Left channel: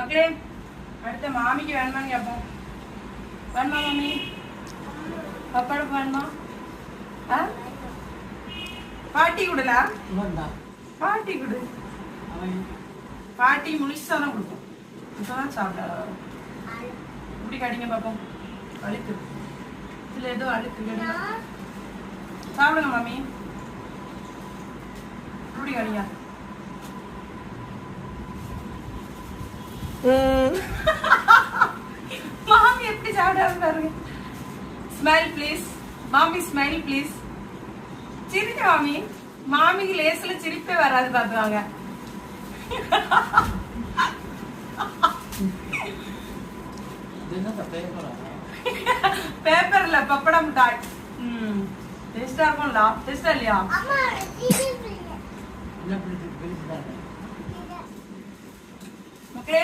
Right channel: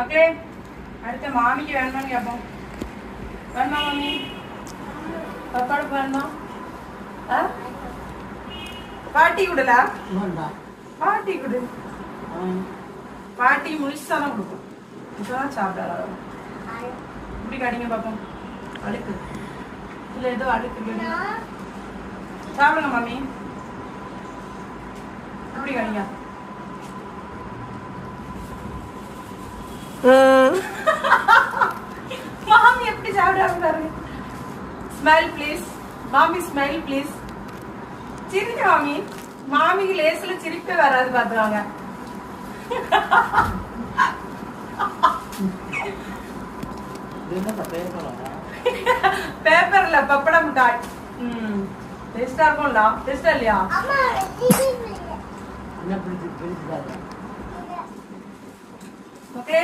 மக்களே அடுத்த மாமிக்கு வேணுமான்னு கேட்போம். வேணுமா மாமி? பப்பாடு வேணுமா? பாட்டி கொடுல பாட்டி கொடு. பாட்டி முழுசான கொடுக்கும். இப்பதான் சாப்பிடாத இப்படி காட்டிங்க பாப்போம். அழுக்கு இதுல ஏதோ அழுக்கு கடிங்க. சாப்பிடுங்க மாமி. இப்படி காட்டிங்க. மாமி எப்படி சாப்பிடாம பாருங்க. ஸ்மைல் ப்ளீஸ் மாமி, ஸ்மைல் ப்ளீஸ். சிரிங்க மாமி. மாமிக்கு லேஸ்ல சிரிப்பே வராது பாத்துவாங்க. பேப்பர்ல பப்படம் மிட்டாய். டேஸ்டா இருக்கும்ல? டேஸ்டா இல்லையா? மக்களே